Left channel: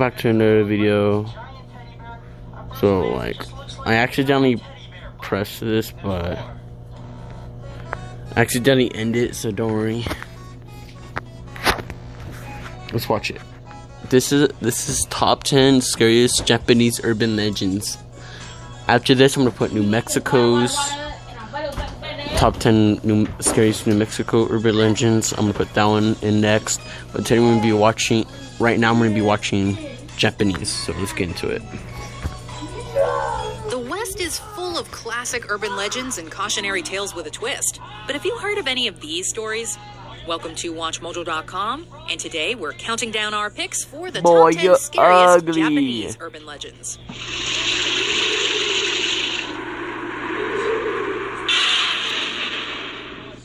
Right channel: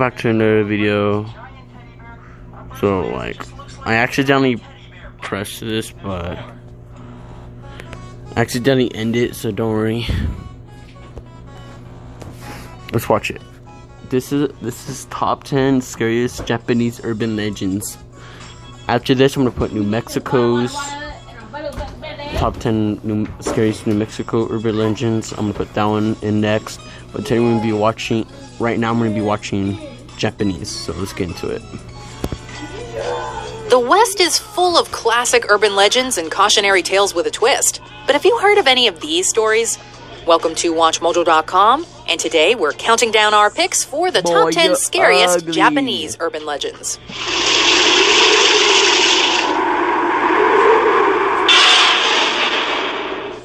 welcome back to another video. So, like, I accidentally pressed this, but I accidentally ended it, so don't worry. Let's watch it. This is top 10 scariest Japanese urban legends. After this, I'm gonna put New Mexico's top 10 scariest New Mexico urban legends. I'm gonna put that one in next. But today we're gonna be watching. Right now, I'm gonna be watching Japanese. So let's get into it. The West is full of classic urban legends and cautionary tales with a twist. But have you heard of any of these stories? Welcome to WatchMojo.com, and today we're counting down our picks for the top 10 scariest Japanese urban legends.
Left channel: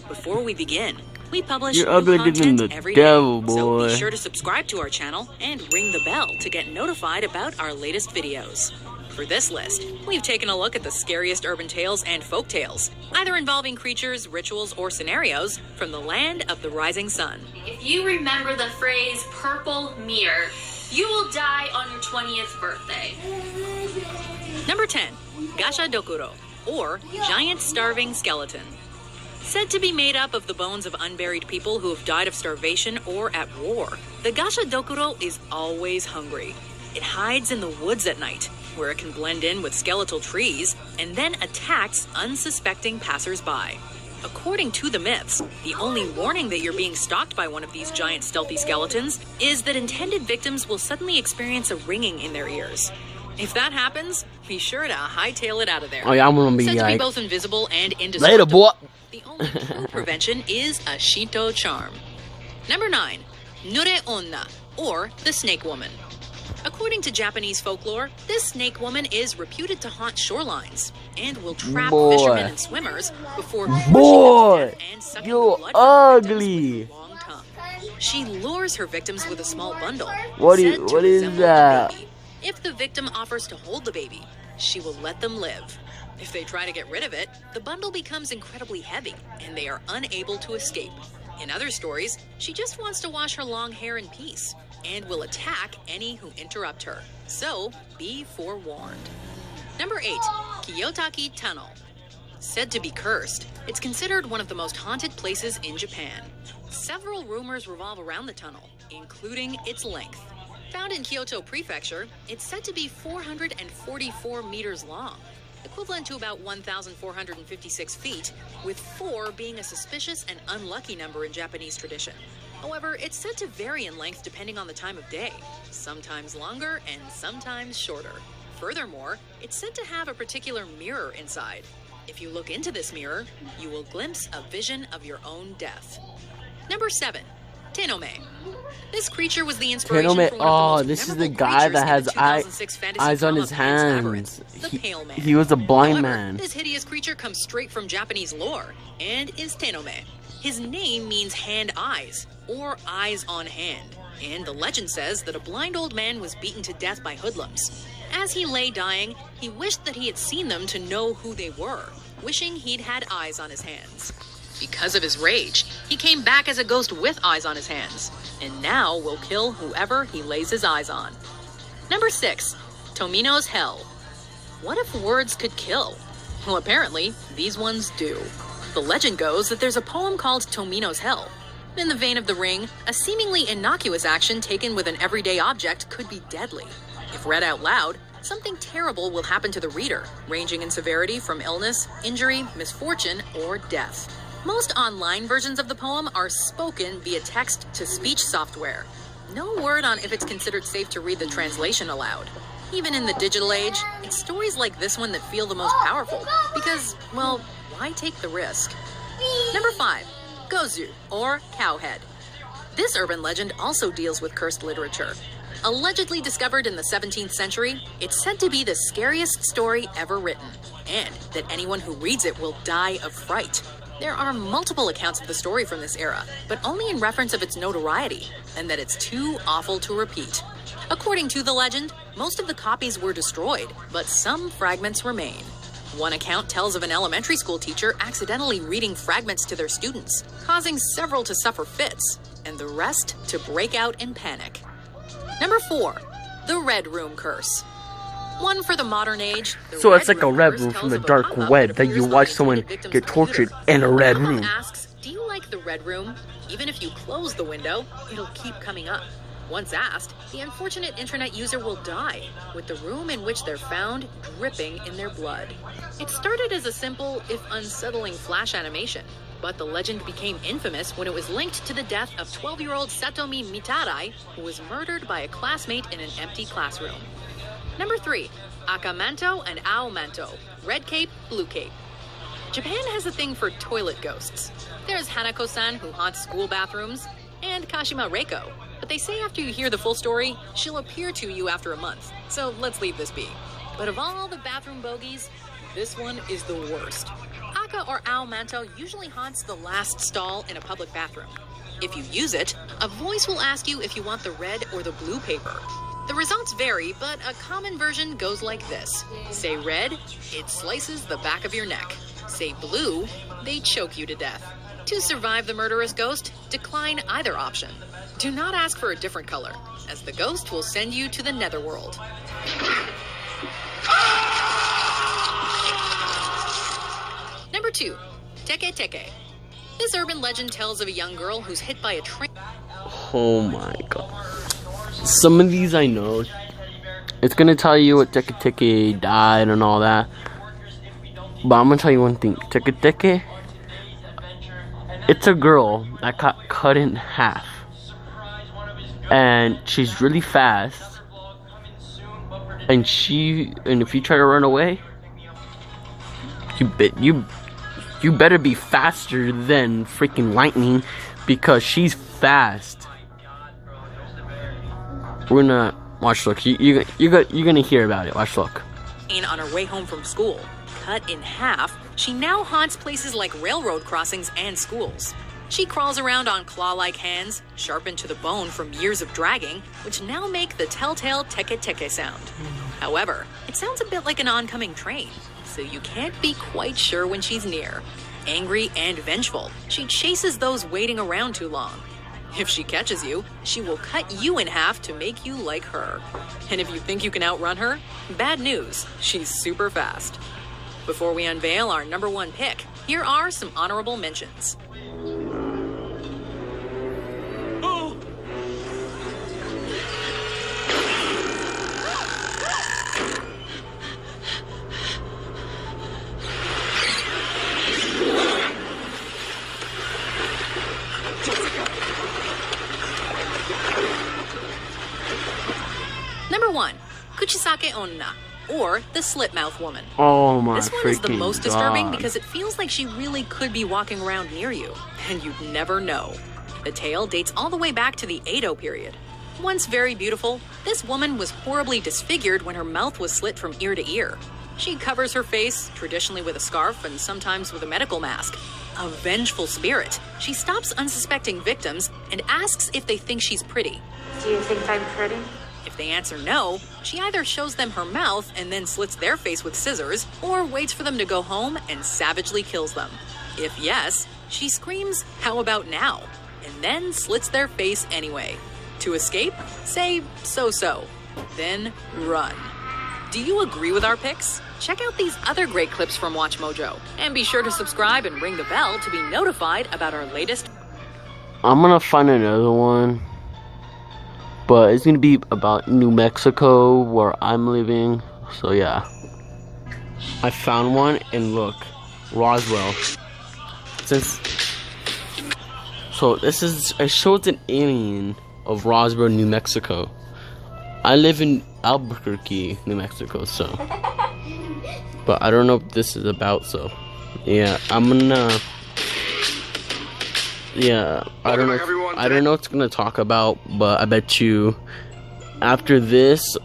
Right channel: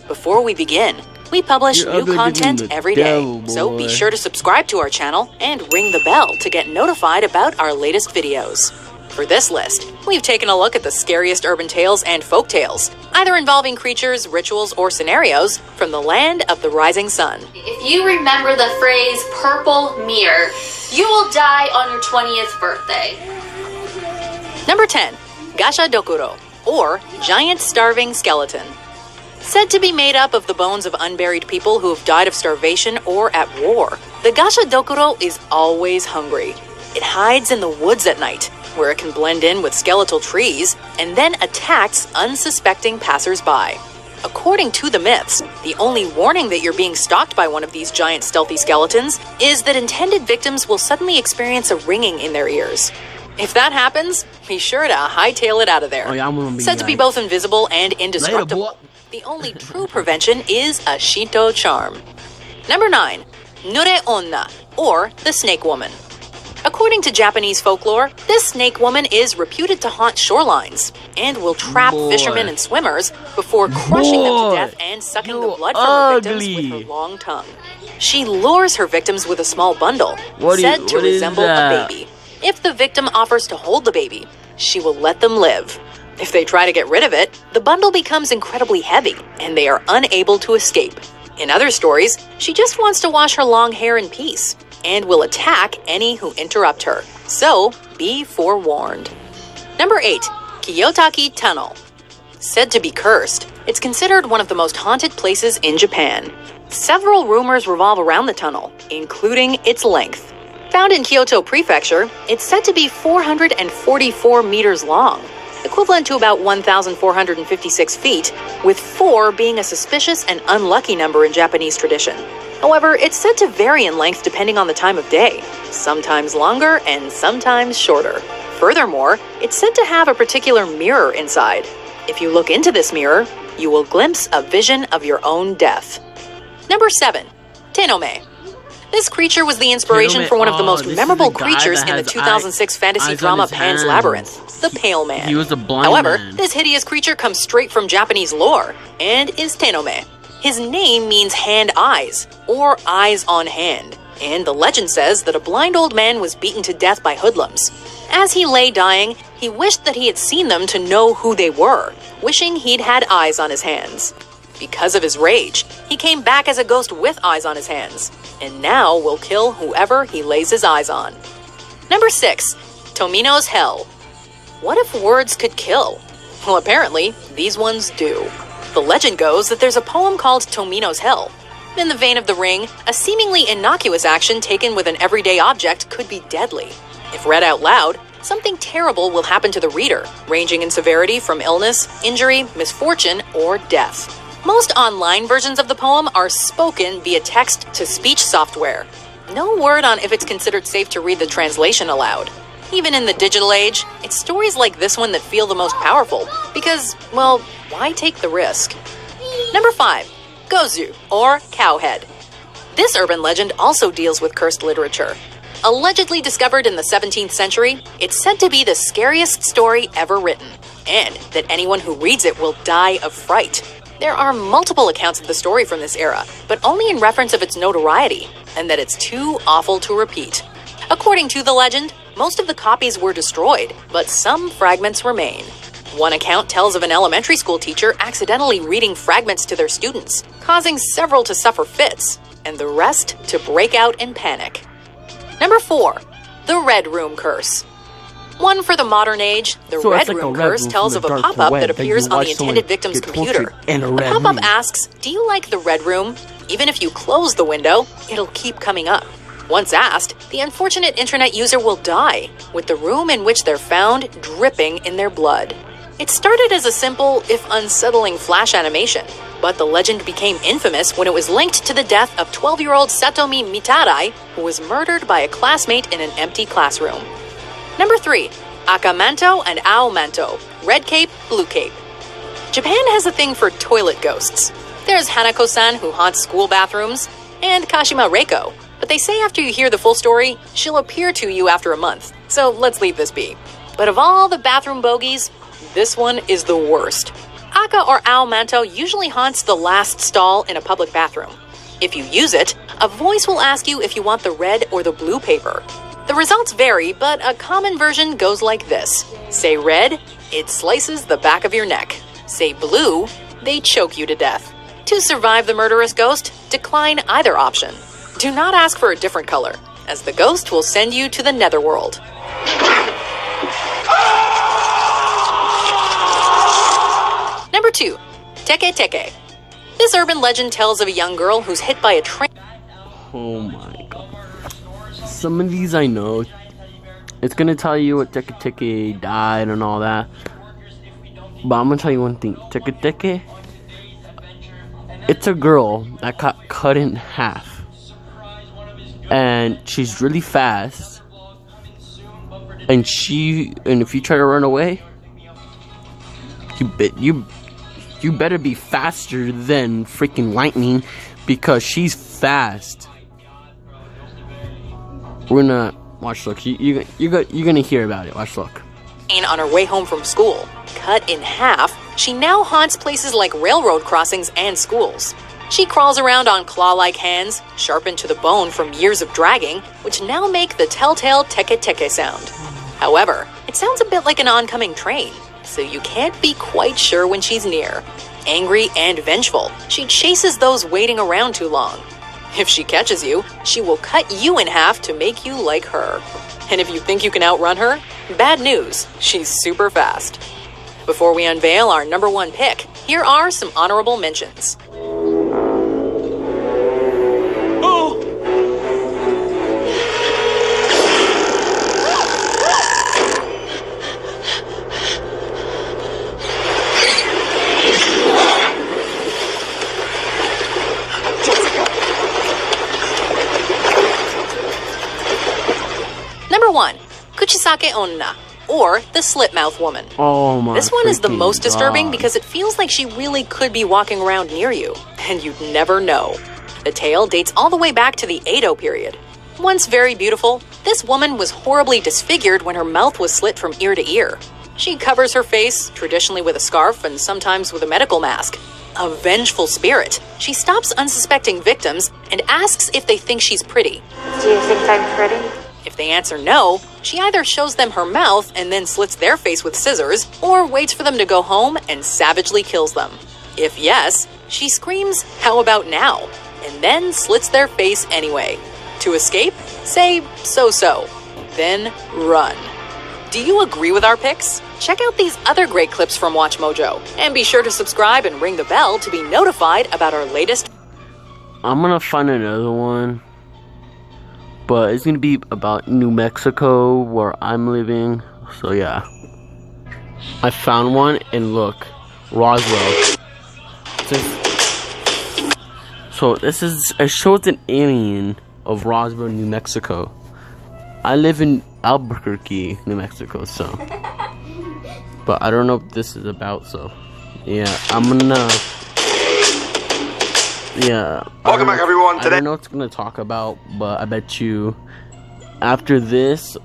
Before we begin, we publish new content every day, so be sure to subscribe to our channel and ring the bell to get notified about our latest videos. For this list, we've taken a look at the scariest urban tales and folk tales, either involving creatures, rituals, or scenarios from the land of the rising sun. If you remember the phrase purple mirror, you will die on your 20th birthday. Number 10, Gasha Dokuro, or Giant Starving Skeleton. Said to be made up of the bones of unburied people who have died of starvation or at war, the Gasha Dokuro is always hungry. It hides in the woods at night, where it can blend in with skeletal trees and then attacks unsuspecting passers-by. According to the myths, the only warning that you're being stalked by one of these giant stealthy skeletons is that intended victims will suddenly experience a ringing in their ears. If that happens, be sure to hightail it out of there. Oh, yeah, I'm gonna be said to be both invisible and indestructible. Later, boy. The only true prevention is a Shinto charm. Number 9, Nure Onna, or the Snake Woman. According to Japanese folklore, this snake woman is reputed to haunt shorelines and will trap fishermen and swimmers before crushing them to death and sucking the blood from her victims with her long tongue. She lures her victims with a small bundle, said to resemble a baby. If the victim offers to hold the baby, she will let them live. If they try to get rid of it, the bundle becomes incredibly heavy and they are unable to escape. In other stories, she just wants to wash her long hair in peace and will attack any who interrupt her. So, be forewarned. Number 8, Kiyotaki Tunnel. Said to be cursed, it's considered one of the most haunted places in Japan. Several rumors revolve around the tunnel, including its length. Found in Kyoto Prefecture, it's said to be 444 meters long, equivalent to about 1,456 feet, with 4 being a suspicious and unlucky number in Japanese tradition. However, it's said to vary in length depending on the time of day, sometimes longer and sometimes shorter. Furthermore, it's said to have a particular mirror inside. If you look into this mirror, you will glimpse a vision of your own death. Number 7, Tenome. This creature was the inspiration for one of the most memorable creatures in the 2006 fantasy drama Pan's Labyrinth, the Pale Man. He was a blind man. However, this hideous creature comes straight from Japanese lore and is Tenome. His name means hand-eyes, or eyes on hand, and the legend says that a blind old man was beaten to death by hoodlums. As he lay dying, he wished that he had seen them to know who they were, wishing he'd had eyes on his hands. Because of his rage, he came back as a ghost with eyes on his hands, and now will kill whoever he lays his eyes on. Number 6, Tomino's Hell. What if words could kill? Well, apparently, these ones do. The legend goes that there's a poem called Tomino's Hell. In the vein of The Ring, a seemingly innocuous action taken with an everyday object could be deadly. If read out loud, something terrible will happen to the reader, ranging in severity from illness, injury, misfortune, or death. Most online versions of the poem are spoken via text-to-speech software. No word on if it's considered safe to read the translation aloud. Even in the digital age, it's stories like this one that feel the most powerful, because, well, why take the risk? Number 5, Gozu, or Cowhead. This urban legend also deals with cursed literature. Allegedly discovered in the 17th century, it's said to be the scariest story ever written, and that anyone who reads it will die of fright. There are multiple accounts of the story from this era, but only in reference of its notoriety, and that it's too awful to repeat. According to the legend, most of the copies were destroyed, but some fragments remain. One account tells of an elementary school teacher accidentally reading fragments to their students, causing several to suffer fits, and the rest to break out in panic. Number 4. The Red Room Curse. One for the modern age, the So Red it's like a Room red Curse room tells from of the a dark pop-up web that that you appears on watch the someone intended victim's get tortured computer. in a red The pop-up room. asks, do you like the Red Room? Even if you close the window, it'll keep coming up. Once asked, the unfortunate internet user will die, with the room in which they're found dripping in their blood. It started as a simple, if unsettling, flash animation, but the legend became infamous when it was linked to the death of 12-year-old Satomi Mitarai, who was murdered by a classmate in an empty classroom. Number 3. Akamanto and Aomanto, Red Cape, Blue Cape. Japan has a thing for toilet ghosts. There's Hanako-san, who haunts school bathrooms, and Kashima Reiko. But they say after you hear the full story, she'll appear to you after a month. So let's leave this be. But of all the bathroom bogeys, this one is the worst. Aka or Aomanto usually haunts the last stall in a public bathroom. If you use it, a voice will ask you if you want the red or the blue paper. The results vary, but a common version goes like this. Say red, it slices the back of your neck. Say blue, they choke you to death. To survive the murderous ghost, decline either option. Do not ask for a different color, as the ghost will send you to the netherworld. Number 2. Teke Teke. This urban legend tells of a young girl who's hit by a train. Oh my god. Some of these I know. It's gonna tell you what Teke Teke died and all that. But I'm gonna tell you one thing. Teke Teke, it's a girl that got cut in half. And she's really fast. And if you try to run away, you better be faster than freaking lightning, because she's fast. We're gonna watch. Look, you're gonna hear about it. Watch. Look. On her way home from school, cut in half, she now haunts places like railroad crossings and schools. She crawls around on claw-like hands, sharpened to the bone from years of dragging, which now make the telltale Teke Teke sound. However, it sounds a bit like an oncoming train, so you can't be quite sure when she's near. Angry and vengeful, she chases those waiting around too long. If she catches you, she will cut you in half to make you like her. And if you think you can outrun her, bad news, she's super fast. Before we unveil our number 1 pick, here are some honorable mentions. Number 1, Kuchisake Onna, or the Slit-Mouth Woman. Oh my. This one is the most disturbing God. because it feels like she really could be walking around near you, and you'd never know. The tale dates all the way back to the Edo period. Once very beautiful, this woman was horribly disfigured when her mouth was slit from ear to ear. She covers her face, traditionally with a scarf and sometimes with a medical mask. A vengeful spirit, she stops unsuspecting victims and asks if they think she's pretty. Do you think I'm pretty? If they answer no, she either shows them her mouth and then slits their face with scissors, or waits for them to go home and savagely kills them. If yes, she screams, "How about now?" and then slits their face anyway. To escape, say so-so, then run. Do you agree with our picks? Check out these other great clips from WatchMojo, and be sure to subscribe and ring the bell to be notified about our latest. I'm gonna find another one, but it's gonna be about New Mexico, where I'm living. So yeah, I found one, and look, Roswell. It shows an alien of Roswell, New Mexico. I live in Albuquerque, New Mexico, so. But I don't know what this is about, so. Yeah, Welcome back, everyone. I don't know what it's gonna talk about, but I bet you after this,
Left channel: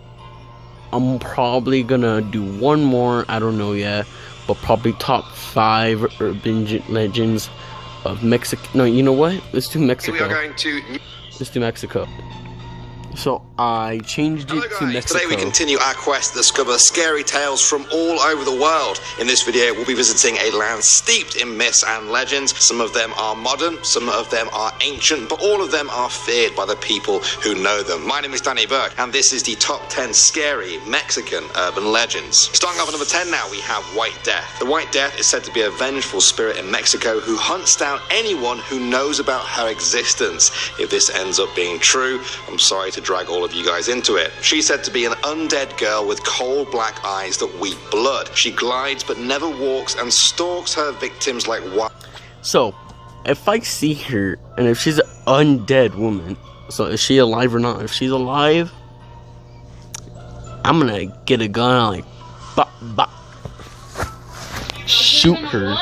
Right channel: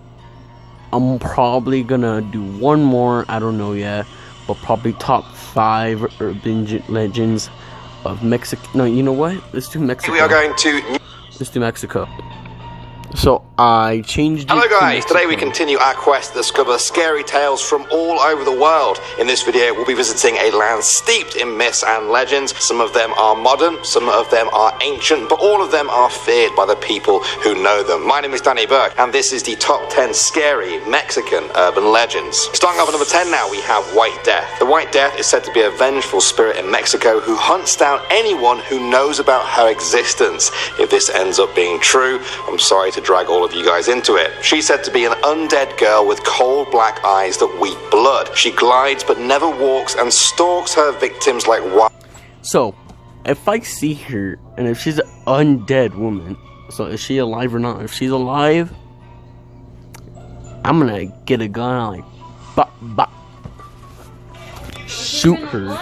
I'm probably gonna do one more. I don't know yet, but probably top 5 urban legends of Mexico. No, you know what? Let's do Mexico. We are going to. Let's do Mexico. So I changed it. Hello to guys, today we Mexico. continue our quest to discover scary tales from all over the world. In this video we'll be visiting a land steeped in myths and legends. Some of them are modern, some of them are ancient, but all of them are feared by the people who know them. My name is Danny Burke and this is the top 10 scary Mexican urban legends. Starting off at number 10 now, we have White Death. The White Death is said to be a vengeful spirit in Mexico who hunts down anyone who knows about her existence. If this ends up being true, I'm sorry to drag all of you guys into it. She's said to be an undead girl with cold black eyes that weep blood. She glides but never walks and stalks her victims like wild. So, if I see her, and if she's an undead woman, so is she alive or not? If she's alive, I'm gonna get a gun and like, bop, bop, shoot her.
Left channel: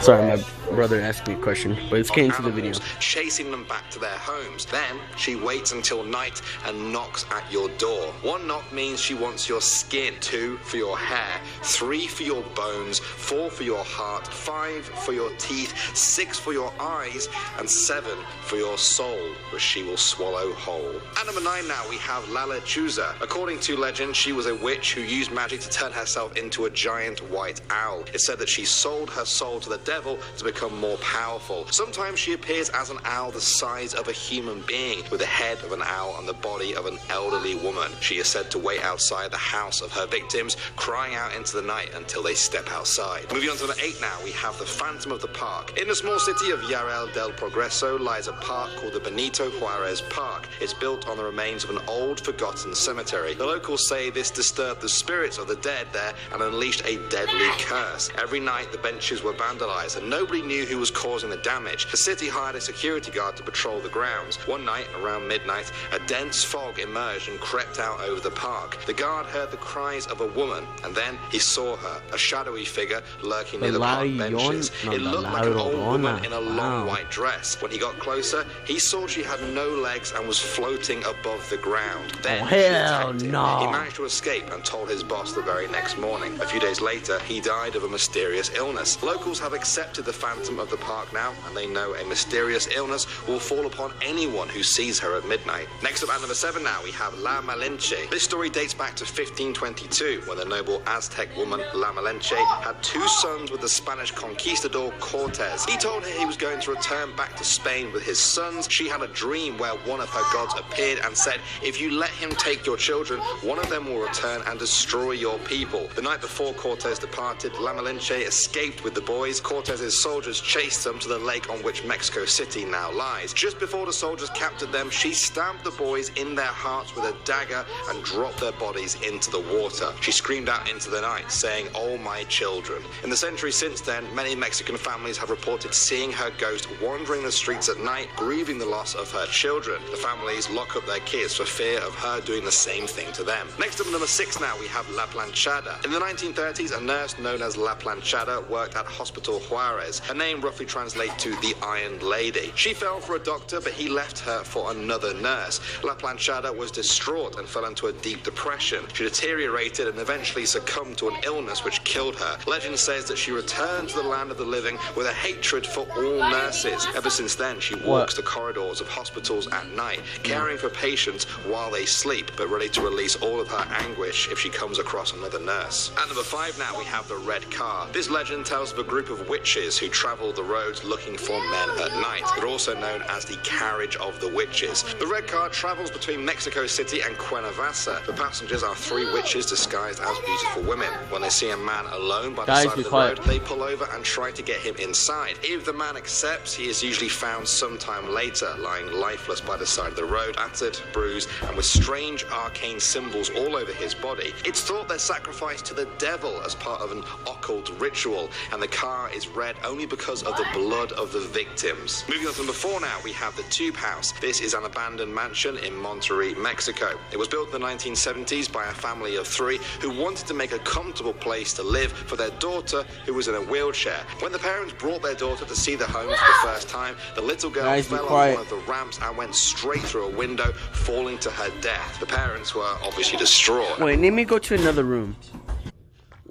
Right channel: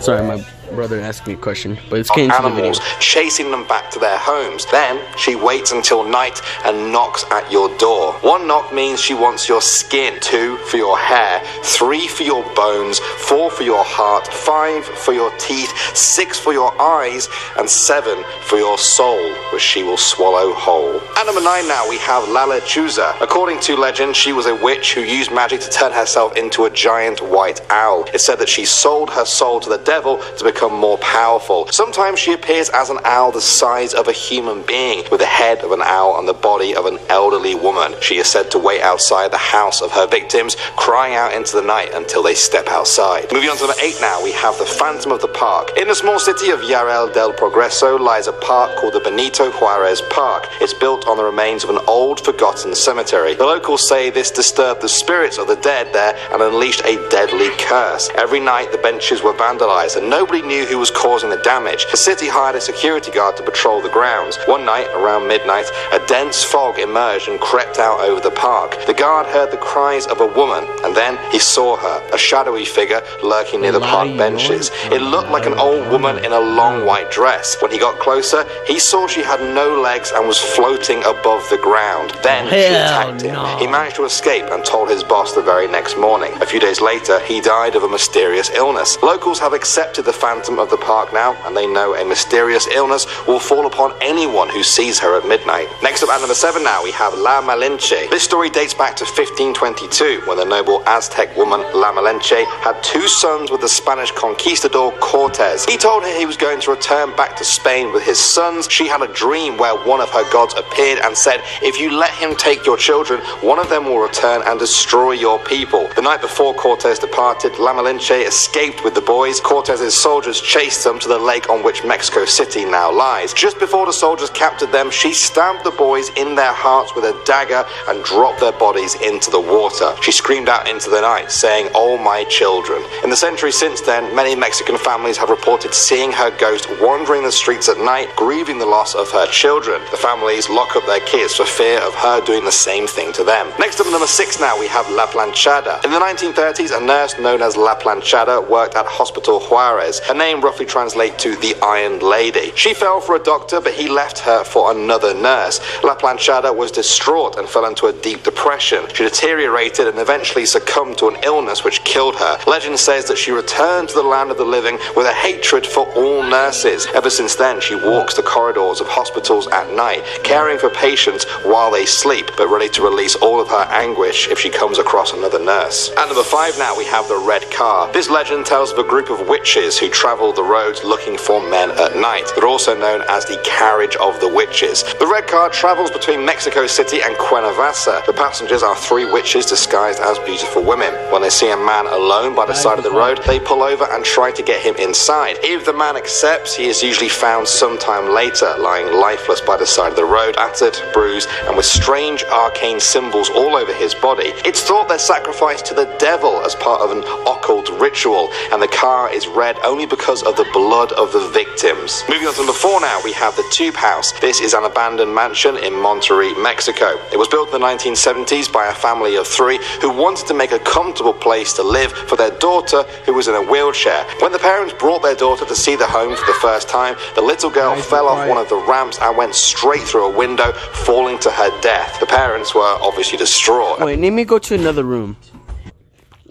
Sorry, my brother asked me a question, but it's getting to the video. Animals, chasing them back to their homes. Then she waits until night and knocks at your door. 1 knock means she wants your skin, 2 for your hair, 3 for your bones, 4 for your heart, 5 for your teeth, 6 for your eyes, and 7 for your soul, which she will swallow whole. At number 9 now, we have La Lechuza. According to legend, she was a witch who used magic to turn herself into a giant white owl. It's said that she sold her soul to the devil to become more powerful. Sometimes she appears as an owl the size of a human being, with the head of an owl and the body of an elderly woman. She is said to wait outside the house of her victims, crying out into the night until they step outside. Moving on to number 8 now, we have the Phantom of the Park. In the small city of Yarel del Progreso lies a park called the Benito Juarez Park. It's built on the remains of an old, forgotten cemetery. The locals say this disturbed the spirits of the dead there and unleashed a deadly curse. Every night the benches were vandalized and nobody knew who was causing the damage. The city hired a security guard to patrol the grounds. One night, around midnight, a dense fog emerged and crept out over the park. The guard heard the cries of a woman, and then he saw her, a shadowy figure lurking near the park benches. It looked like an old woman in a long white dress. When he got closer, he saw she had no legs and was floating above the ground. Then she attacked him. He managed to escape and told his boss the very next morning. A few days later, he died of a mysterious illness. Locals have accepted the Phantom of the Park now, and they know a mysterious illness will fall upon anyone who sees her at midnight. Next up at number 7 now, we have La Malinche. This story dates back to 1522, when the noble Aztec woman La Malinche had 2 sons with the Spanish conquistador Cortez. He told her he was going to return back to Spain with his sons. She had a dream where one of her gods appeared and said, if you let him take your children, one of them will return and destroy your people. The night before Cortez departed, La Malinche escaped with the boys. Cortez's soldiers chased them to the lake on which Mexico City now lies. Just before the soldiers captured them, she stabbed the boys in their hearts with a dagger and dropped their bodies into the water. She screamed out into the night, saying, "Oh my children." In the century since then, many Mexican families have reported seeing her ghost wandering the streets at night, grieving the loss of her children. The families lock up their kids for fear of her doing the same thing to them. Next up at number 6 now, we have La Planchada. In the 1930s, a nurse known as La Planchada worked at Hospital Juarez. Her name roughly translates to the Iron Lady. She fell for a doctor, but he left her for another nurse. La Planchada was distraught and fell into a deep depression. She deteriorated and eventually succumbed to an illness which killed her. Legend says that she returned to the land of the living with a hatred for all nurses. Ever since then, she walks the corridors of hospitals at night, caring for patients while they sleep, but ready to release all of her anguish if she comes across another nurse. At number 5 now, we have the Red Car. This legend tells of a group of witches who travel the roads looking for men at night. They're also known as the Carriage of the Witches. The Red Car travels between Mexico City and Cuernavaca. The passengers are 3 witches disguised as beautiful women. When they see a man alone by the side of the road, they pull over and try to get him inside. If the man accepts, he is usually found sometime later, lying lifeless by the side of the road, battered, bruised, and with strange arcane symbols all over his body. It's thought they're sacrificed to the devil as part of an occult ritual, and the car is red only because of the blood of the victims. Moving on to number 4 now, we have the Tube House. This is an abandoned mansion in Monterrey, Mexico. It was built in the 1970s by a family of 3 who wanted to make a comfortable place to live for their daughter who was in a wheelchair. When the parents brought their daughter to see the home for the first time, the little girl fell off one of the ramps and went straight through a window, falling to her death. The parents were obviously distraught. Wait, let me go to another room.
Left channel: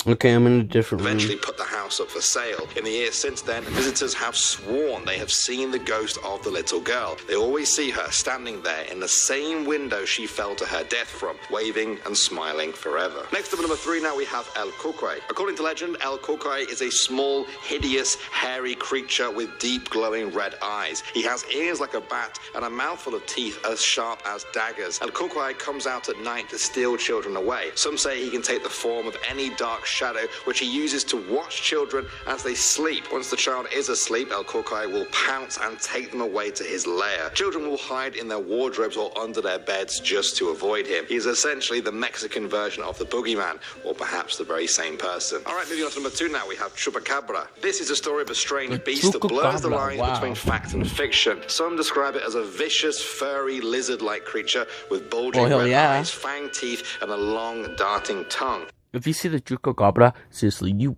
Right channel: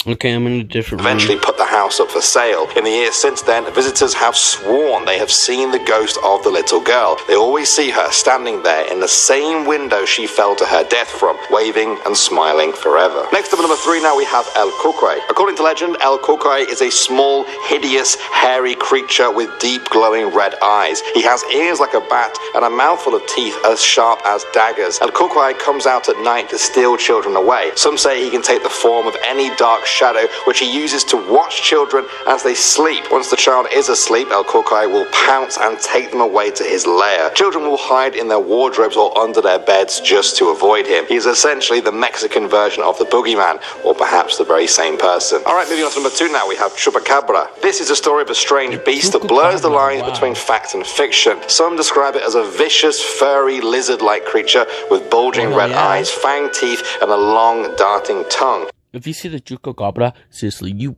Okay, I'm in a different room. Eventually put the house house up for sale. In the years since then, visitors have sworn they have seen the ghost of the little girl. They always see her standing there in the same window she fell to her death from, waving and smiling forever. Next up at number 3 now we have El Cucuy. According to legend, El Cucuy is a small, hideous, hairy creature with deep glowing red eyes. He has ears like a bat and a mouthful of teeth as sharp as daggers. El Cucuy comes out at night to steal children away. Some say he can take the form of any dark shadow, which he uses to watch children as they sleep. Once the child is asleep, El Cucuy will pounce and take them away to his lair. Children will hide in their wardrobes or under their beds just to avoid him. He is essentially the Mexican version of the boogeyman, or perhaps the very same person. Alright, moving on to number 2 now, we have Chupacabra. This is a story of a strange beast that blurs the lines between fact and fiction. Some describe it as a vicious, furry, lizard-like creature with bulging red eyes, fanged teeth, and a long, darting tongue. If you see the Chupacabra, seriously, you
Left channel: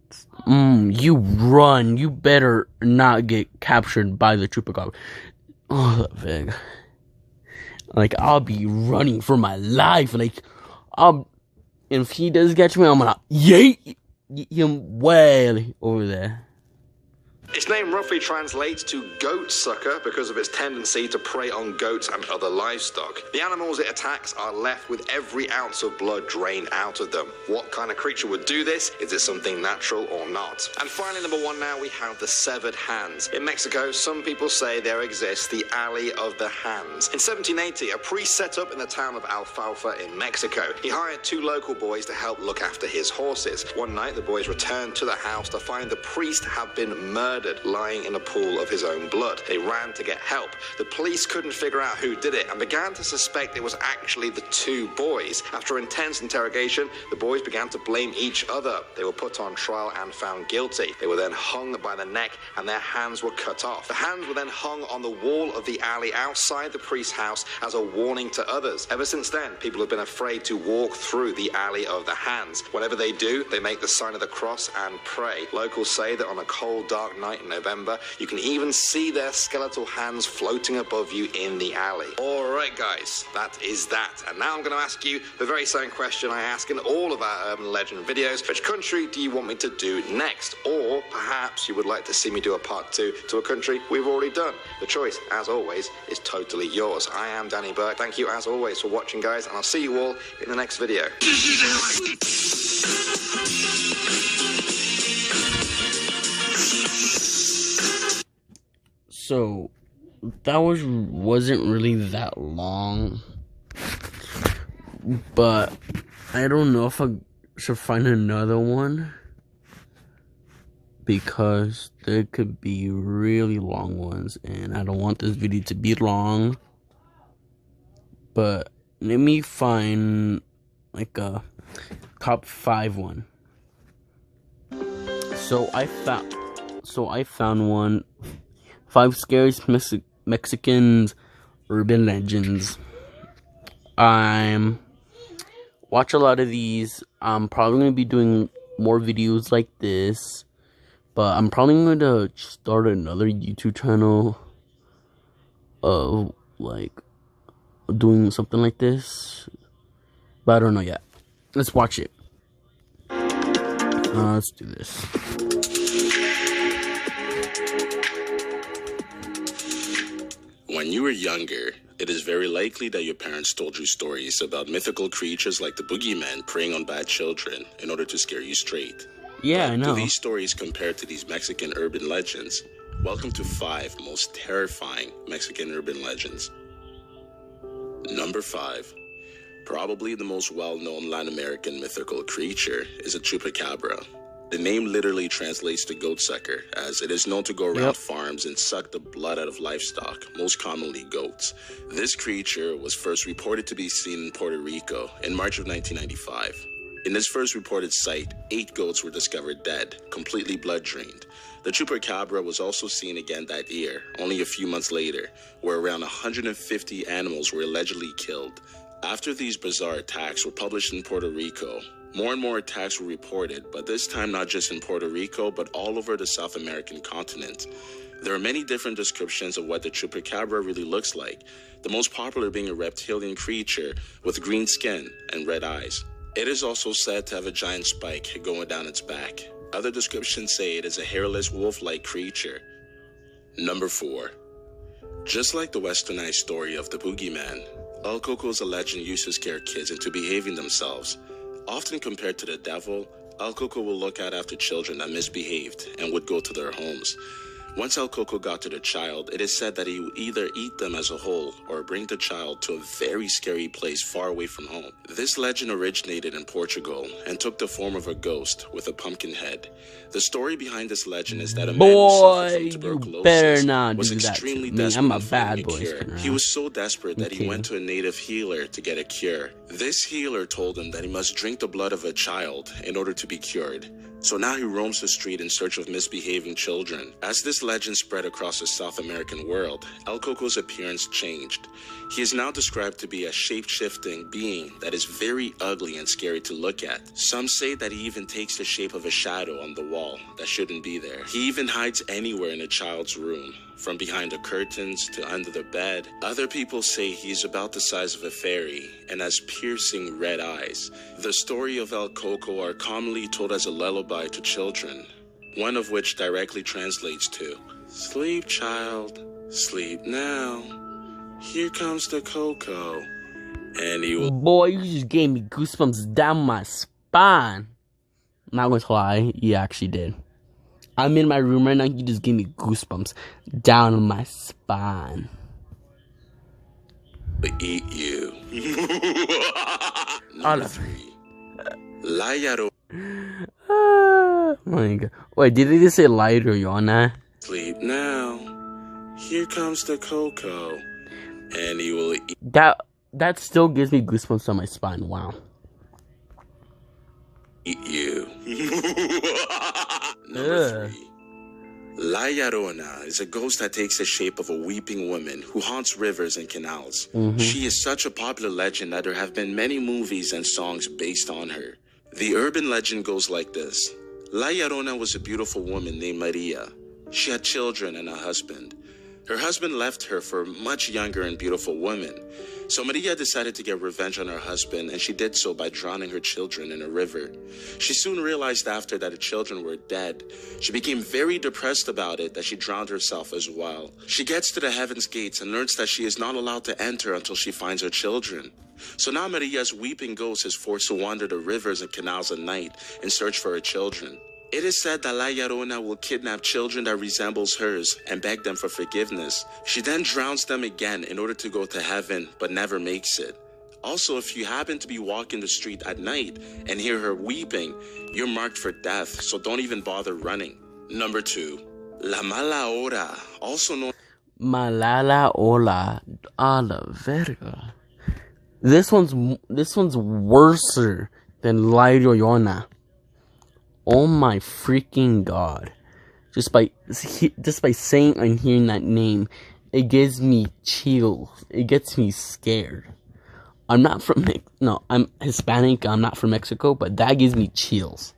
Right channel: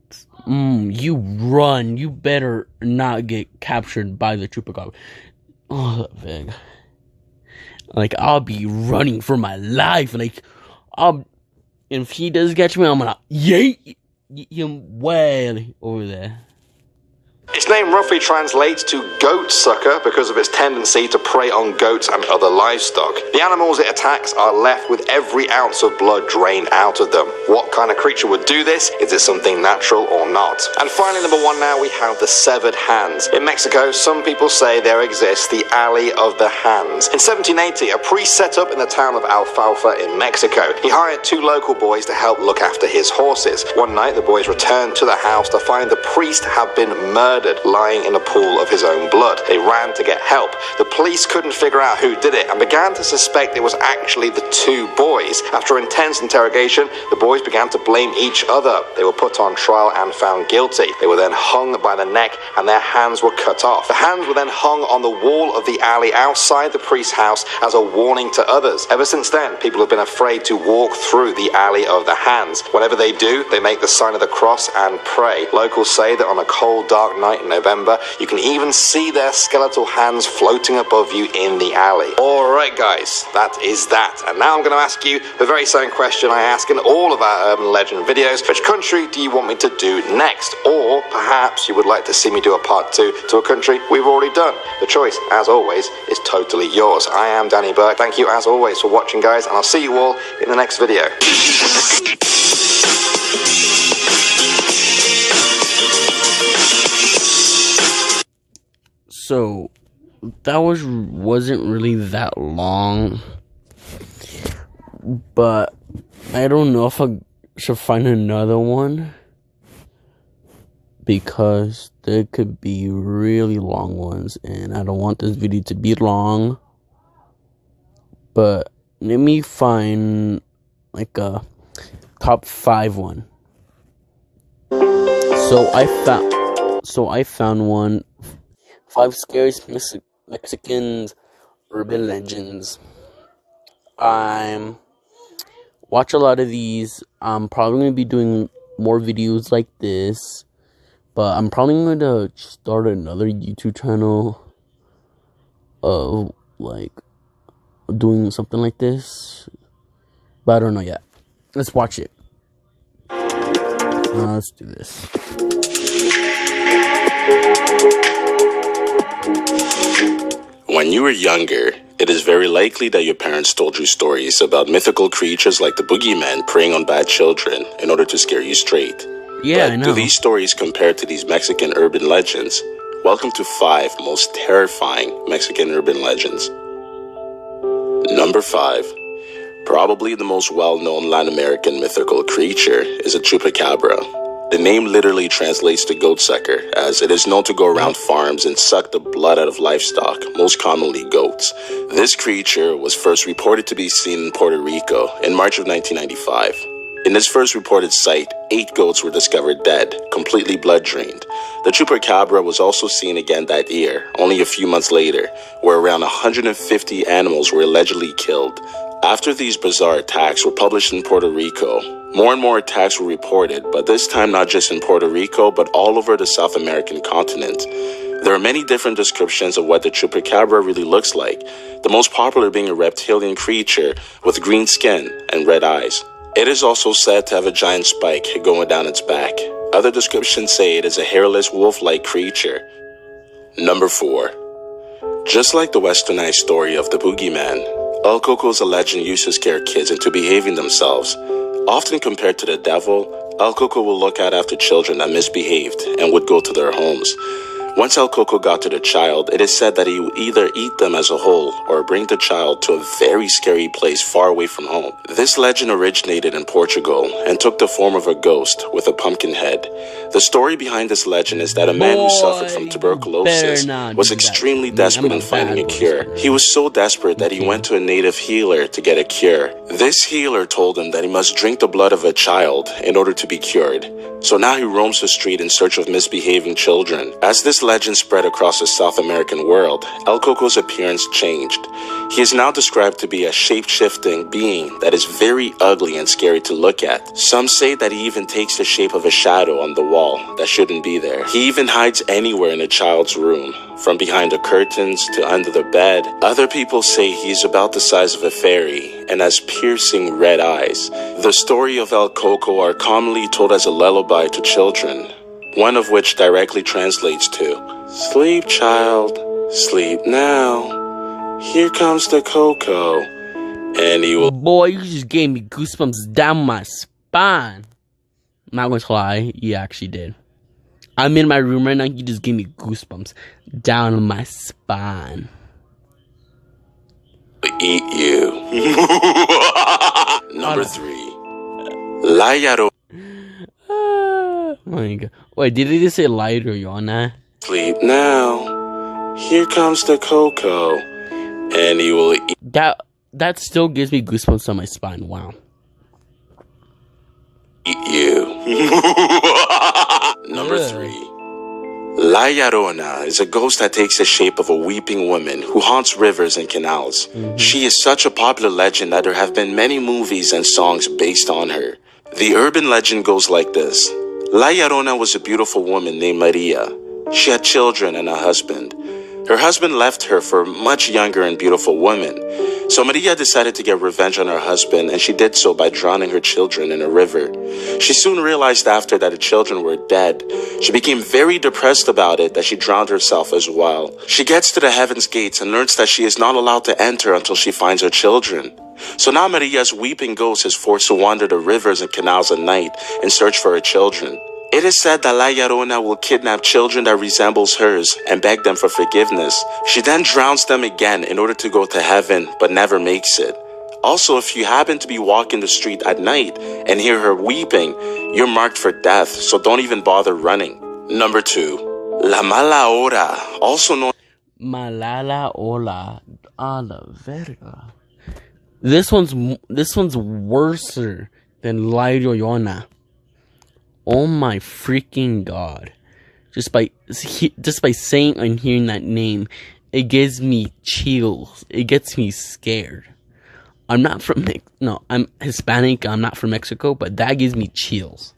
run. You better not get captured by the Chupacabra. Oh, that big. Like, I'll be running for my life. Like, if he does catch me, I'm gonna yeet him way over there. Its name roughly translates to goat sucker because of its tendency to prey on goats and other livestock. The animals it attacks are left with every ounce of blood drained out of them. What kind of creature would do this? Is it something natural or not? And finally, number 1 now, we have the severed hands. In Mexico, some people say there exists the Alley of the Hands. In 1780, a priest set up in the town of Alfalfa in Mexico. He hired 2 local boys to help look after his horses. One night, the boys returned to the house to find the priest had been murdered, lying in a pool of his own blood. They ran to get help. The police couldn't figure out who did it and began to suspect it was actually the 2 boys. After intense interrogation, the boys began to blame each other. They were put on trial and found guilty. They were then hung by the neck and their hands were cut off. The hands were then hung on the wall of the alley outside the priest's house as a warning to others. Ever since then, people have been afraid to walk through the Alley of the Hands. Whenever they do, they make the sign of the cross and pray. Locals say that on a cold, dark night in November, you can even see their skeletal hands floating above you in the alley. Alright guys, that is that. And now I'm going to ask you the very same question I ask in all of our urban legend videos. Which country do you want me to do next? Or perhaps you would like to see me do a part 2 to a country we've already done. The choice, as always, is totally yours. I am Danny Burke. Thank you as always for watching, guys, and I'll see you all in the next video. So that wasn't really that long, but I don't know if I should find another one because there could be really long ones and I don't want this video to be long. But let me find like a top 5 one. So I found one. 5 scariest Mexicans urban legends. I watch a lot of these. I'm probably going to be doing more videos like this. But I'm probably going to start another YouTube channel of like doing something like this. But I don't know yet. Let's watch it. Let's do this. When you were younger, it is very likely that your parents told you stories about mythical creatures like the boogeyman preying on bad children in order to scare you straight. Yeah, but I know. do these stories compare to these Mexican urban legends? Welcome to 5 most terrifying Mexican urban legends. Number 5. Probably the most well-known Latin American mythical creature is a chupacabra. The name literally translates to goat sucker, as it is known to go around farms and suck the blood out of livestock, most commonly goats. This creature was first reported to be seen in Puerto Rico in March of 1995. In this first reported site, 8 goats were discovered dead, completely blood-drained. The chupacabra was also seen again that year, only a few months later, where around 150 animals were allegedly killed. After these bizarre attacks were published in Puerto Rico, more and more attacks were reported, but this time not just in Puerto Rico, but all over the South American continent. There are many different descriptions of what the chupacabra really looks like, the most popular being a reptilian creature with green skin and red eyes. It is also said to have a giant spike going down its back. Other descriptions say it is a hairless wolf-like creature. Number 4. Just like the westernized story of the boogeyman, El Coco is a legend used to scare kids into behaving themselves. Often compared to the devil, El Coco will look out after children that misbehaved and would go to their homes. Once El Coco got to the child, it is said that he would either eat them as a whole or bring the child to a very scary place far away from home. This legend originated in Portugal and took the form of a ghost with a pumpkin head. The story behind this legend is that a man who suffered from tuberculosis was extremely desperate on finding a cure. He was so desperate that he went to a native healer to get a cure. This healer told him that he must drink the blood of a child in order to be cured. So now he roams the street in search of misbehaving children. As this legend spread across the South American world, El Coco's appearance changed. He is now described to be a shape-shifting being that is very ugly and scary to look at. Some say that he even takes the shape of a shadow on the wall that shouldn't be there. He even hides anywhere in a child's room, from behind the curtains to under the bed. Other people say he's about the size of a fairy and has piercing red eyes. The story of El Coco are commonly told as a lullaby to children, one of which directly translates to, "Sleep, child, sleep now. Here comes the Coco, and he will..." Boy, you just gave me goosebumps down my spine. Not going to lie, you actually did. I'm in my room right now, you just gave me goosebumps down my spine. Eat you. Number 3. La Llorona. Oh my god. Wait, did he just say La Llorona? Sleep now. Here comes the Coco, and he will eat That still gives me goosebumps on my spine. Wow. you. Number 3. La Llorona is a ghost that takes the shape of a weeping woman who haunts rivers and canals. She is such a popular legend that there have been many movies and songs based on her. The urban legend goes like this. La Llorona was a beautiful woman named Maria. She had children and a husband. Her husband left her for a much younger and beautiful woman. So Maria decided to get revenge on her husband, and she did so by drowning her children in a river. She soon realized after that the children were dead. She became very depressed about it that she drowned herself as well. She gets to the heaven's gates and learns that she is not allowed to enter until she finds her children. So now Maria's weeping ghost is forced to wander the rivers and canals at night and search for her children. It is said that La Llorona will kidnap children that resembles hers and beg them for forgiveness. She then drowns them again in order to go to heaven, but never makes it. Also, if you happen to be walking the street at night and hear her weeping, you're marked for death, so don't even bother running. Number 2. La Mala Hora, also known... Malala Ola a la verga. This one's worser than La Llorona. Oh my freaking god. Just by saying and hearing that name, it gives me chills. It gets me scared. I'm not from I'm Hispanic, I'm not from Mexico, but that gives me chills.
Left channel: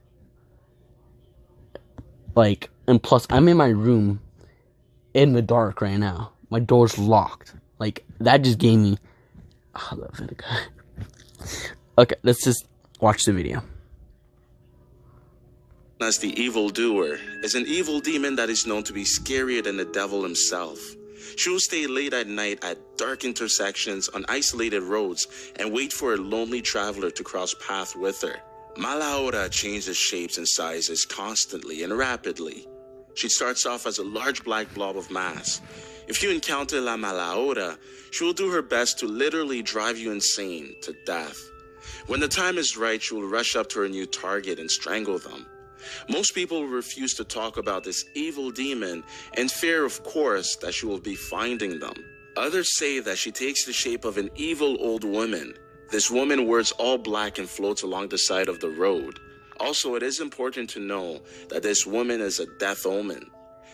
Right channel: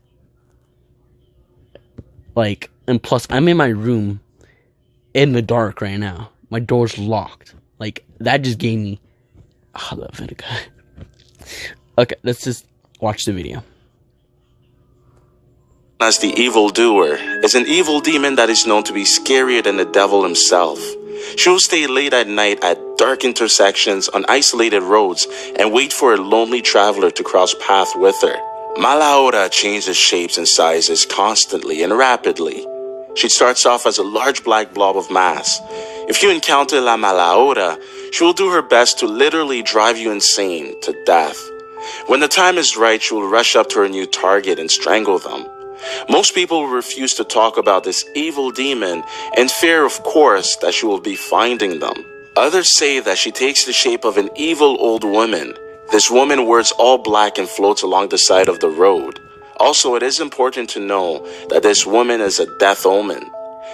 Like, and plus I'm in my room in the dark right now. My door's locked. Like, that just gave me okay, let's just watch the video. As the evildoer is an evil demon that is known to be scarier than the devil himself. She will stay late at night at dark intersections on isolated roads and wait for a lonely traveler to cross paths with her. Mala Hora changes shapes and sizes constantly and rapidly. She starts off as a large black blob of mass. If you encounter La Mala Hora, she will do her best to literally drive you insane to death. When the time is right, she will rush up to her new target and strangle them. Most people refuse to talk about this evil demon in fear, of course, that she will be finding them. Others say that she takes the shape of an evil old woman. This woman wears all black and floats along the side of the road. Also, it is important to know that this woman is a death omen.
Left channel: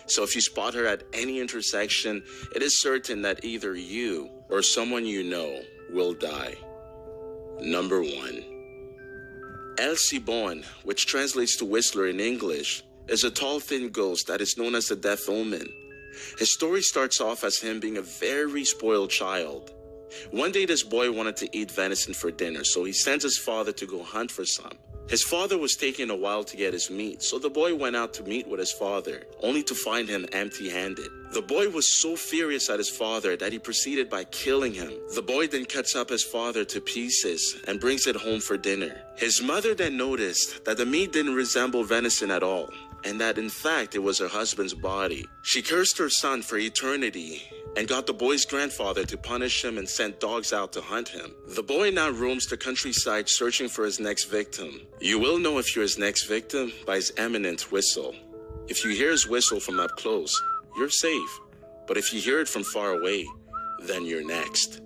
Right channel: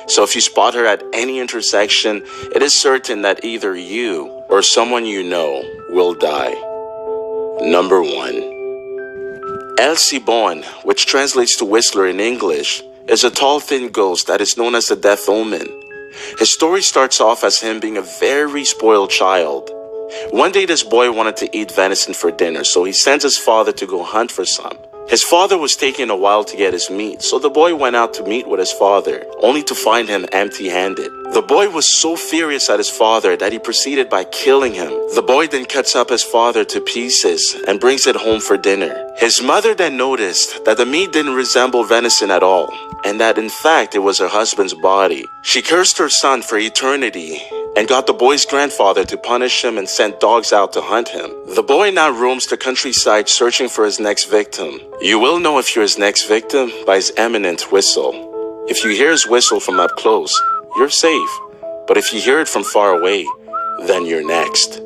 So if you spot her at any intersection, it is certain that either you or someone you know will die. Number 1. El Sibon, which translates to Whistler in English, is a tall, thin ghost that is known as the Death Omen. His story starts off as him being a very spoiled child. One day this boy wanted to eat venison for dinner, so he sends his father to go hunt for some. His father was taking a while to get his meat, so the boy went out to meet with his father, only to find him empty-handed. The boy was so furious at his father that he proceeded by killing him. The boy then cuts up his father to pieces and brings it home for dinner. His mother then noticed that the meat didn't resemble venison at all, and that in fact it was her husband's body. She cursed her son for eternity and got the boy's grandfather to punish him and sent dogs out to hunt him. The boy now roams the countryside searching for his next victim. You will know if you're his next victim by his imminent whistle. If you hear his whistle from up close, you're safe. But if you hear it from far away, then you're next.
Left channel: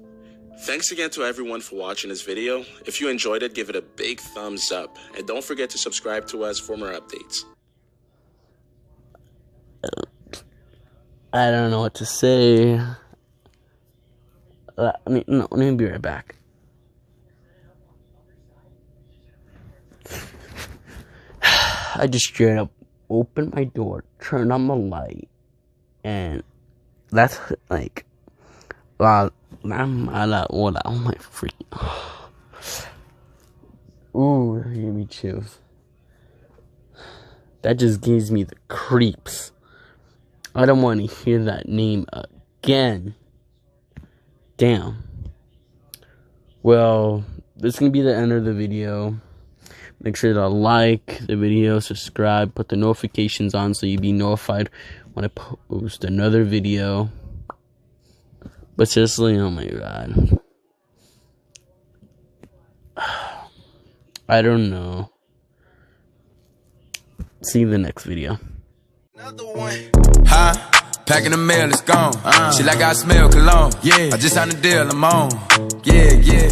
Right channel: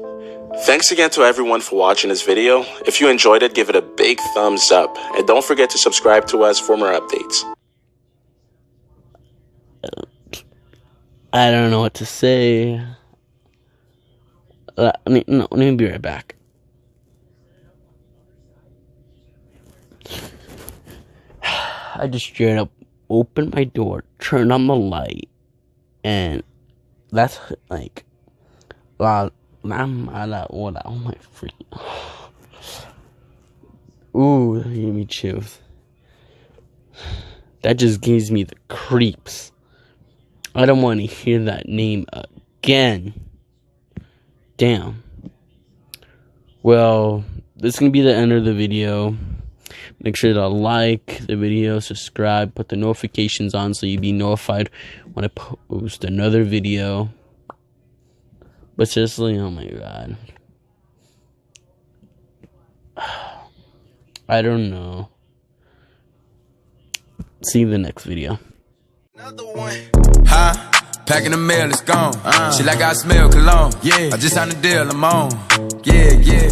Thanks again to everyone for watching this video. If you enjoyed it, give it a big thumbs up. And don't forget to subscribe to us for more updates. I don't know what to say. Let me be right back. I just straight up opened my door, turned on the light, and that's like, oh my freaking, ooh, that gave me chills. That just gives me the creeps. I don't want to hear that name again. Damn. Well, this is going to be the end of the video. Make sure to like the video, subscribe, put the notifications on so you'll be notified when I post another video. But seriously, oh my god. I don't know. See you in the next video. Another one. Huh? Packing the mail, it's gone. Shit like I smell cologne. Yeah. I just signed a deal, I'm on. Yeah, yeah.